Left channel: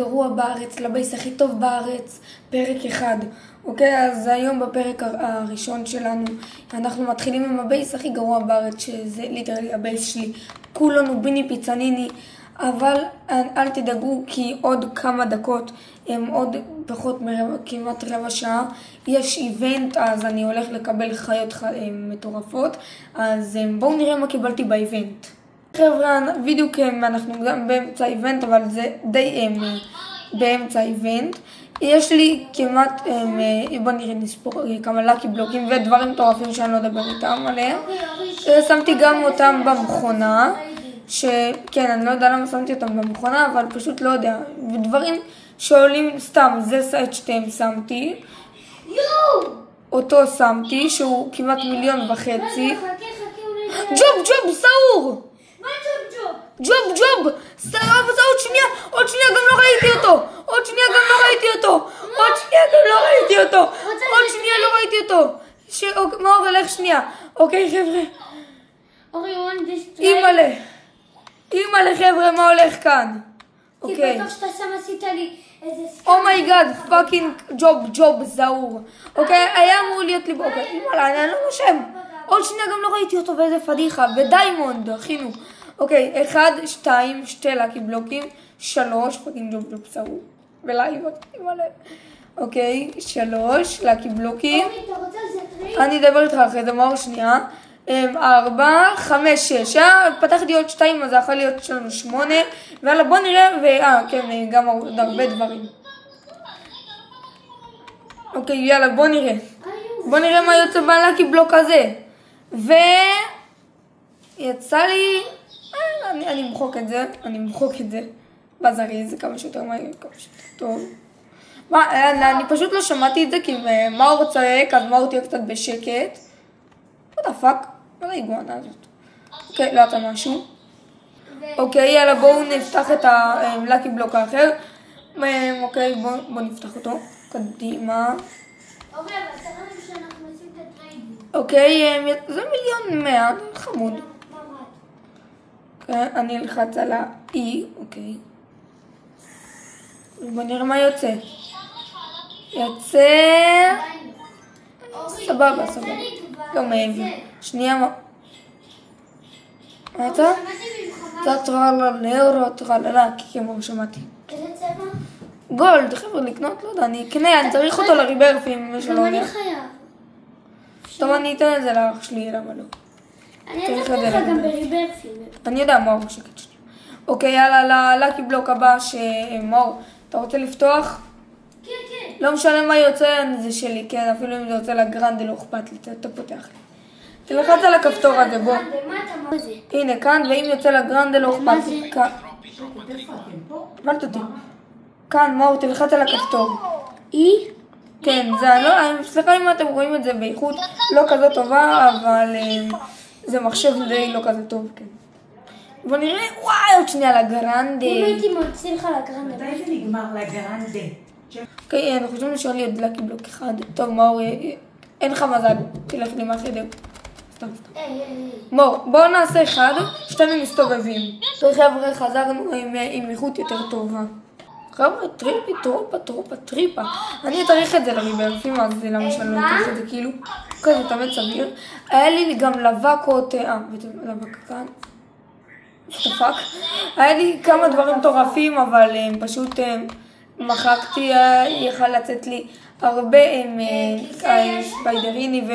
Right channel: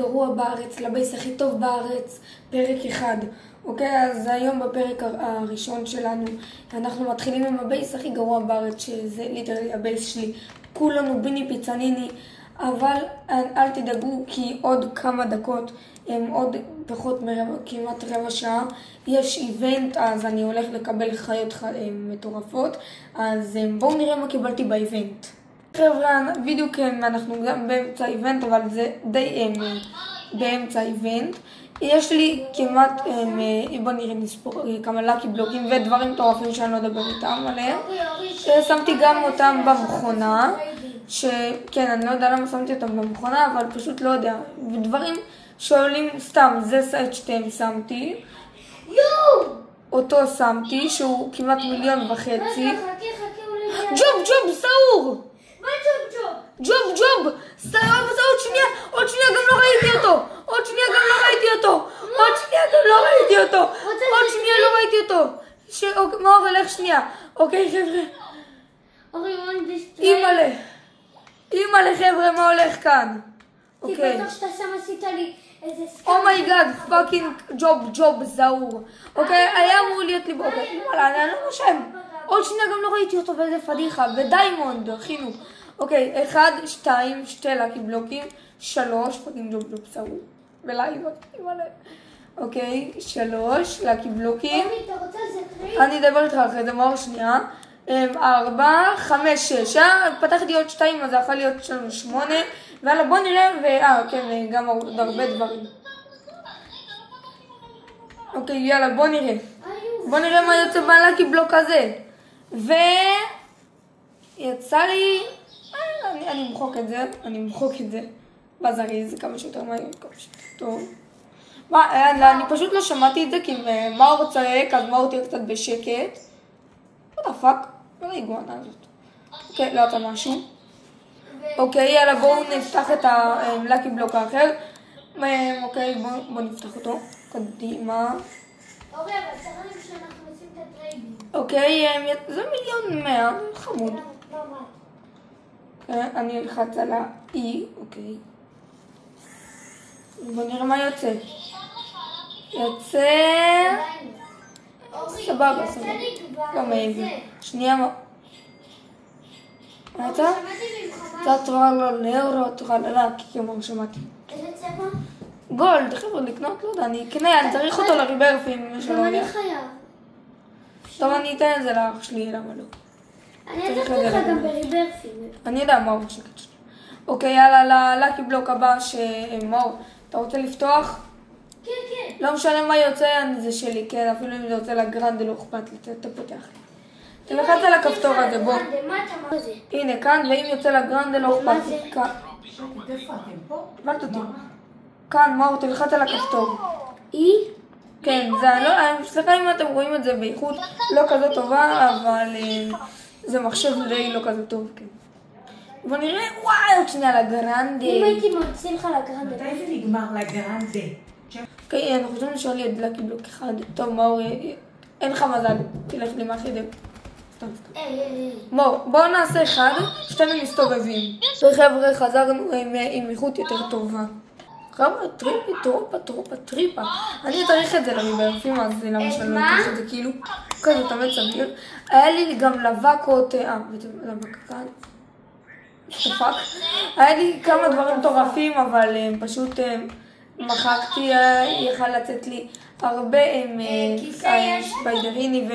הגרוע בארץ, לבייס הכי טוב בארץ, פרק 1. אוקיי, אז היום בפרק הראשון שלנו אנחנו מתחילים עם הבייס הכי גרוע בארץ, שזה ליטרלי הבייס שלי. כולנו ביני פיצניני, אבל אל תדאגו כי עוד כמה דקות, עוד פחות כמעט רבע שעה, יש איבנט, אז אני הולך לקבל חיות מטורפות. אז בואו נראה מה קיבלתי באיבנט. חבר'ה, בדיוק אנחנו גם באמצע איבנט, אבל זה די באמצע איבנט. יש לי כמעט, בוא נראה נספור כמה לקי בלוקים ודברים מטורפים שאני לא אדבר איתם עליהם. שמתי גם אותם במכונה, שכן, אני לא יודע למה שמתי אותם במכונה, אבל פשוט לא יודע. ודברים שעולים סתם, זה סייט 2 שמתי. אותו שמתי, שהוא כמעט 1.5 מיליון. ג'וב, סעור! מה ג'וב? ג'וב, עוד שנייה גם לא ראיתי אותו. עוד שנייה לא ראיתי אותו. מאור, הלך שנייה. אוקיי, חבר'ה. אימא'לה, חבר'ה, מה הולך כאן? כי בטח שאתה שם עשית לי איזה סקאפ. אומייגאד, פאקינג ג'וב, זעור. אוקיי, היה אמור להיות לי... אוקיי, אימא'לה, אני לא נושם. עוד שנייה גם לא ראיתי אותו, ואיזה פדיחה. ודיימונד, אחינו. אוקיי, 1, 2, 2 לקי בלוקים, 3, פאקינג ג'וב זעור. ולייבות, אימא'לה. אוקיי, 3 לקי בלוקים. אני אדבר איתך אחרי זה, מאור, שנייה. 4, 5, 6, פתחתי עוד 2, אז זה יכול להיות שלנו 8, ויאללה בוא נראה, כן, גם עוד הרבה דברים. אוקיי, יאללה בוא נראה מה יוצא בלקי בלוק הזה. ויצא לי, אני אמחוק את זה, בזריז, כמה שיותר מהר, כמה שיותר טוב. אני פשוט לא שמעתי את זה, כי מאור צועק, אז מאור תהיה קצת בשקט. what the fuck? לא האיגואנה הזאת. אוקיי, לא יצא משהו. אוקיי, יאללה, בואו נפתח את הלקי בלוק האחר. אוקיי, בואו נפתח אותו. קדימה. אוקיי, אבל צריך שאנחנו עושים את הטריידים. אוקיי, זה 1,100,000, חמוד. אוקיי, אני אלחץ על ה-E, אוקיי. בואו נראה מה יוצא. יוצא... סבבה. לא מעבר. שנייה מה... מה יצא? זה טרללה, כמו שמעתי. איזה צבע? גולד, חבר'ה, לקנות, לא יודע, אני אקנה, אני צריך אותו לריברפים. גם אני חייב. טוב, אני אתן את זה לאח שלי, למה לא? אני אתן לך גם בריברפים. אני יודע, מאור, שקט שלי. אוקיי, יאללה, ללקי בלוק הבא, מאור, אתה רוצה לפתוח? כן. לא משנה מה יוצא, זה שלי, כן, אפילו אם זה יוצא לגרנדה, לא אכפת לי, אתה פותח לי. תלחץ על הכפתור הזה, בוא. הנה, כאן, ואם יוצא לגרנדה, לא אכפת לי. כאן. הבנת אותי. כאן, מאור, תלחץ על הכפתור. כן, זה לא, סליחה אם אתם רואים את זה באיכות לא כזו טובה, אבל זה מחשב די לא כזה טוב, כן. בוא נראה, וואי, עוד שנייה לגרנדה. אם הייתי מוציא לך לגרנדה. מתי זה נגמר לגרנדה? אוקיי, אנחנו חושבים לשאול לי עוד לקי בלוק אחד. טוב, מאור, אין לך מזל, תלך לי מאחרי דו. סתם. מאור, בואו נעשה 1, 2 מסתובבים. וחבר'ה, חזרנו עם איכות יותר טובה. חבר'ה, טריפה. אני אתאריך את זה לריברפים, אז למה שאני לא אקח את זה כאילו כזה תמיד סביר. היה לי גם לבקות, לבק כאן. שפק. היה לי כמה דברים מטורפים, אבל פשוט מחקתי, יכל לצאת לי הרבה ספיידריני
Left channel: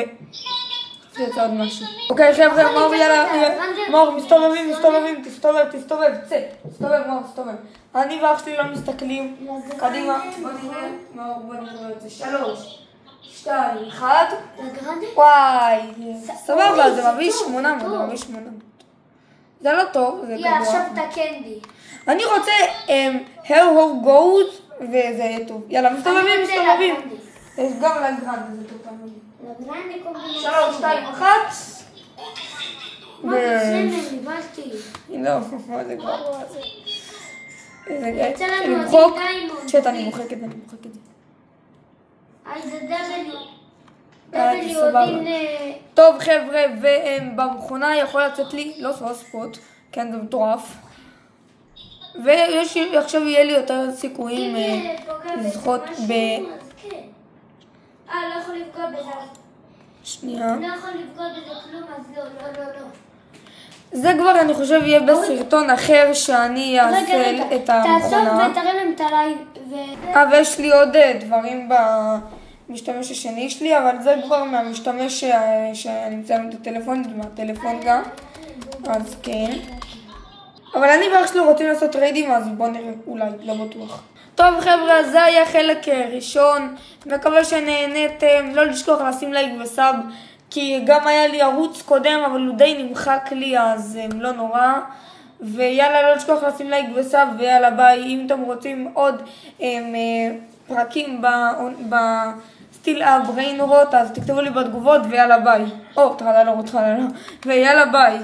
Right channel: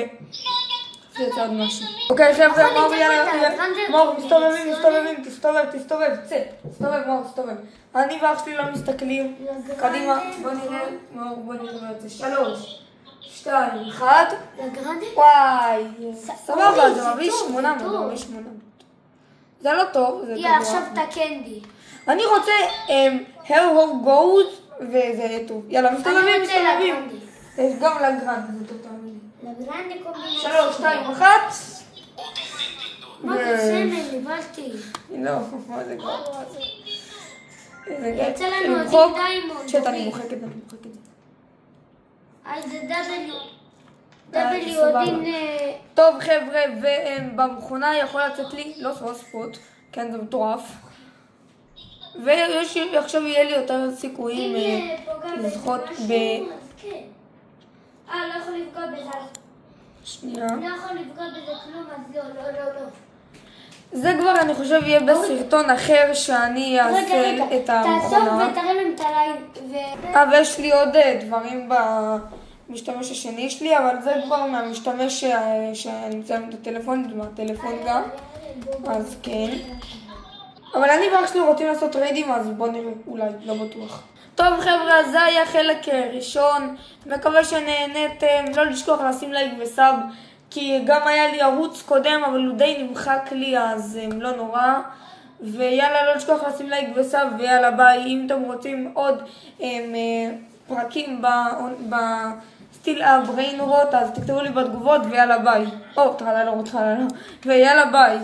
ויוצא עוד משהו. אוקיי חבר'ה, מאור, יאללה, מאור, מסתובבים, תסתובב, צא, תסתובב, מאור, תסתובב. אני ואח שלי לא מסתכלים, קדימה, בוא נראה, מאור, בוא נראה את זה, 3, 2, 1, וואי, סבבה, זה מביא 800, זה לא טוב, זה גבוה. עכשיו תקנדי. אני רוצה Hell Goes וזה יהיה טוב. יאללה, מסתובבים. יש גם לגרנד, זה טוב תמיד. לגרנדה קומבינציה. 3, 2, 1. מה זה סמל, ניבלתי. לא, מה זה גרוע הזה. יצא לנו עדי דיימונד. שט, אני מוחק את זה. אז זה דאבל יודעים טוב חבר'ה, ובמכונה יכול לצאת לי, לא ספוט, כן זה מטורף. ועכשיו יהיה לי יותר סיכויים לזכות ב... לא יכול לפגוע בזה. שנייה. לא יכול לפגוע בזה כלום, אז לא. זה כבר אני חושב יהיה בסרטון אחר שאני אעשה את המכונה. תעצור ותראה להם את הלייב. ויש לי עוד דברים במשתמש השני שלי, אבל זה כבר מהמשתמש שאני מצלם את הטלפון, מהטלפון גם. אז כן. אבל אני ואח שלי רוצים לעשות טריידים, אז בואו נראה, אולי, לא בטוח. טוב חבר'ה, זה היה חלק ראשון, מקווה שנהנתם, לא לשכוח לשים לייק וסאב, כי גם היה לי ערוץ קודם, אבל הוא די נמחק לי, אז לא נורא. ויאללה, לא לשכוח לשים לייק וסאב, ויאללה ביי. אם אתם רוצים עוד פרקים בסטיל הבריין רוט, אז תכתבו לי בתגובות, ויאללה ביי. טרללה, ויאללה ביי.